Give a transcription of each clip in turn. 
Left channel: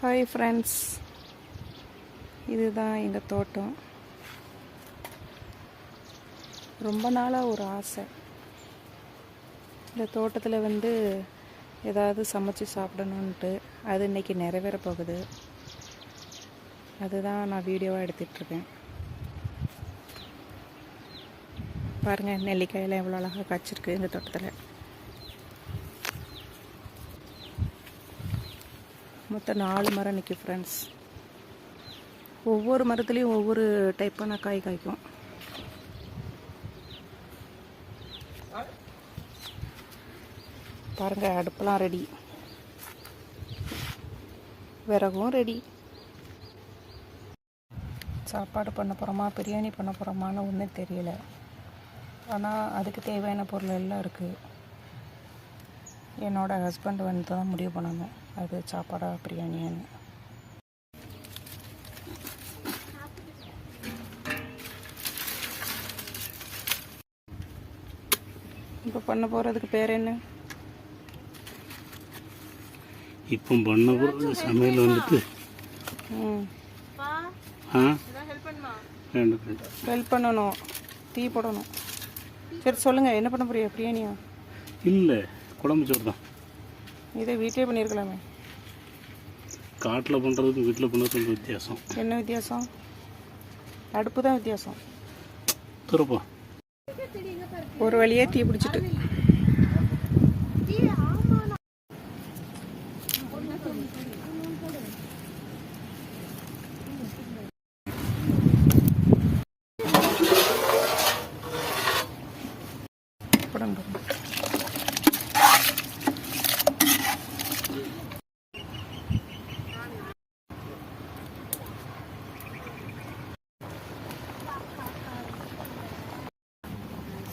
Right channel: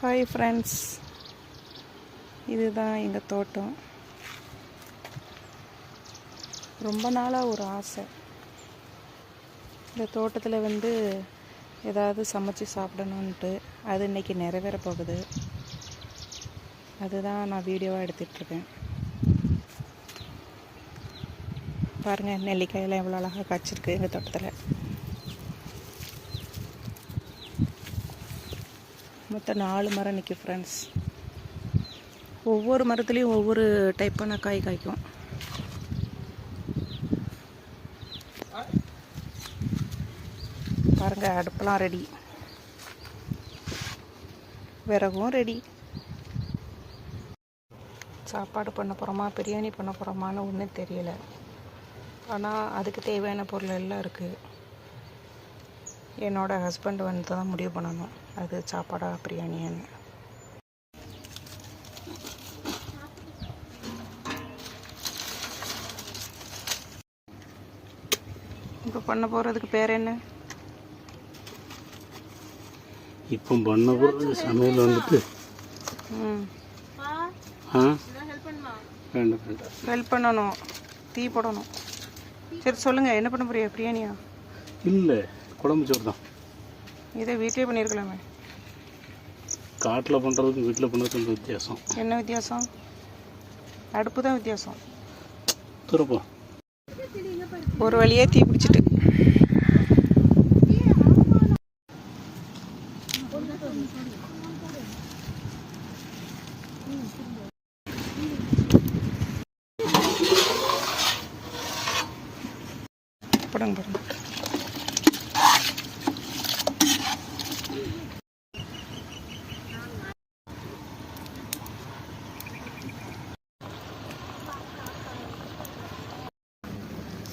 Hi friends, இதுதான் எங்கள் தோட்டம். ரொம்ப நாளாக ஒரு ஆசை, இந்த தோட்டத்தில் ஏதாவது சமைச்சு சாப்பிடணுன்ட்டு. அது இன்றைக்கி நிறைவேற போகுது. அதுதான் நான் வீடியோவாக எடுத்துகிட்ருக்கேன். பாருங்கள், நெல்லிக்காயெல்லாம் எவ்வளோ அழகாக காய்ச்சிருக்கு எங்கள் தோட்டத்தில். மொத்தம் 4 மரம் நிற்கும் ஃப்ரெண்ட்ஸ். ஒவ்வொரு மரத்துலேயும் ஒவ்வொரு டைப்பான காய் காய்க்கும். பாருங்கள், அடுப்பெல்லாம் ரெடி, விறகும் ரெடி. சாப்பாடு பண்ண போகிறோமா, பிரியாணி பண்ண போகிறோமான்னு ஒன்றும் தெரியலை. ஆனால் அதுக்கு தேவையான பொருள் எல்லாம் இருக்குது. என்னோடய ஹஸ்பண்ட் தான் முடிவு பண்ணணும், அது சாப்பாடா பிரியாணின்னு. இப்போ பண்ண போகிறதுக்கு பேர் என்ன? இப்போ பண்ண போகிறது சமையல் ஹெல்ப் பண்ணணும், டீ போடணும். சரி சொல்லுங்கள், என்ன பண்ண போறியா? பிரியாணியா? இல்லை, குழம்பு சோறு தான். இதை வீட்டிலே பண்ணியிருக்கலாமே. காட்டில் பண்ணுறதுக்கும் வீட்டில் பண்ணுறதுக்கும் வித்தியாசம். என்ன வித்தியாசம்? அடுப்பு தான் வித்தியாசம். துறப்போம். ஒரு வழியே தீ பிடிச்சிட்டு போடுங்க.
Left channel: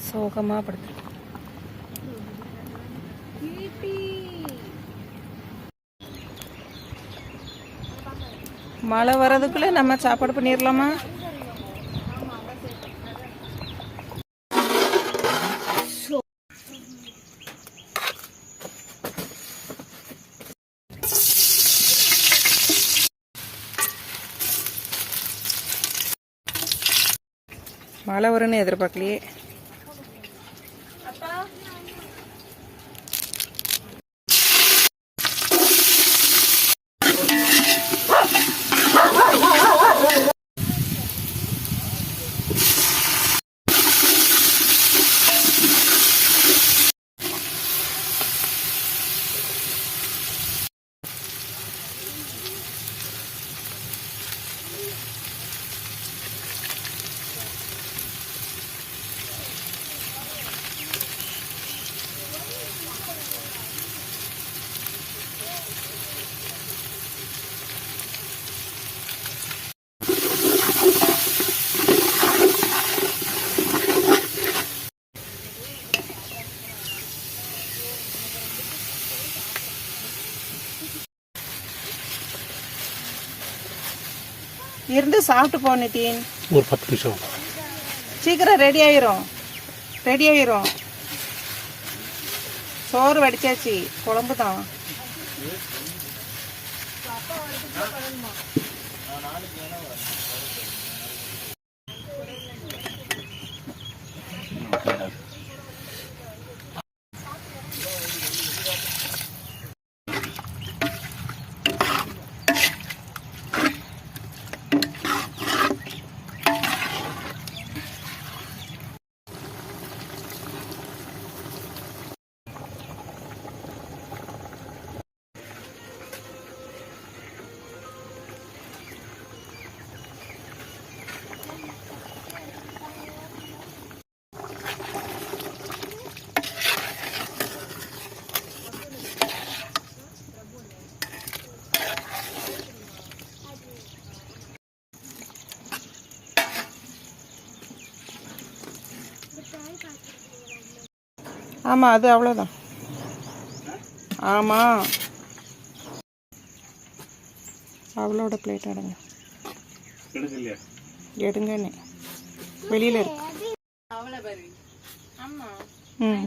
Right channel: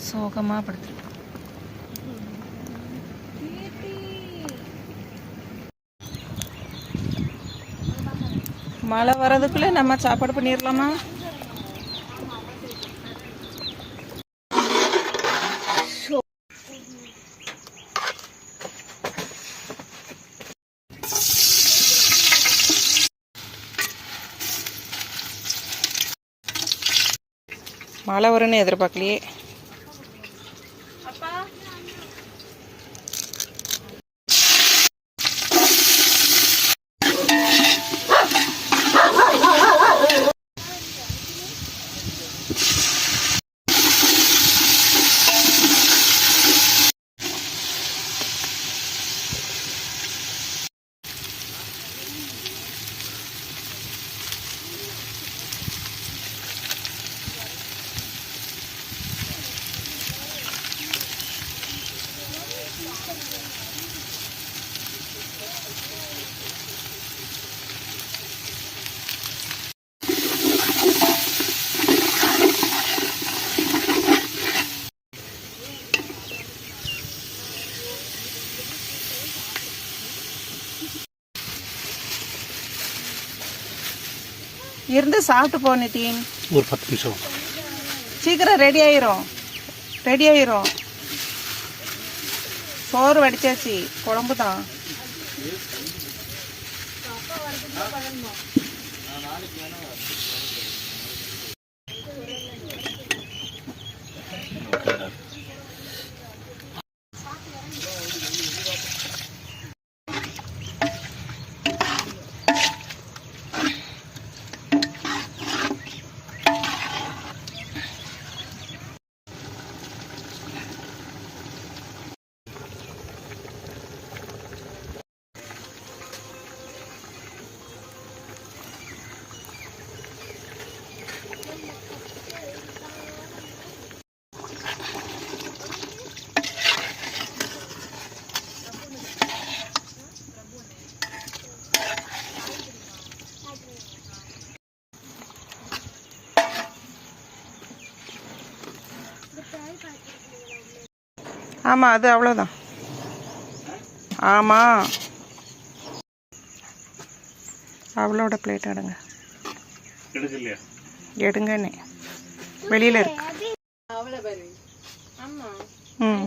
சோகமாக படுத்து மழை வர்றதுக்குள்ளே நம்ம சாப்பாடு பண்ணிடலாமா? மழை வரும்னு எதிர்பார்க்கலையே. இருந்து சாப்பிட்டு போ நிதின். ஒரு 10 நிமிஷம் சீக்கிரம் ரெடி ஆயிரும். சோறு வடிச்சாச்சு, குழம்பு தான். ஆமாம், அது அவ்வளோதான். ஆமாம், அவளோட பிளேட் எடுங்கண்ணே, வெளியில் இருக்கு. ம்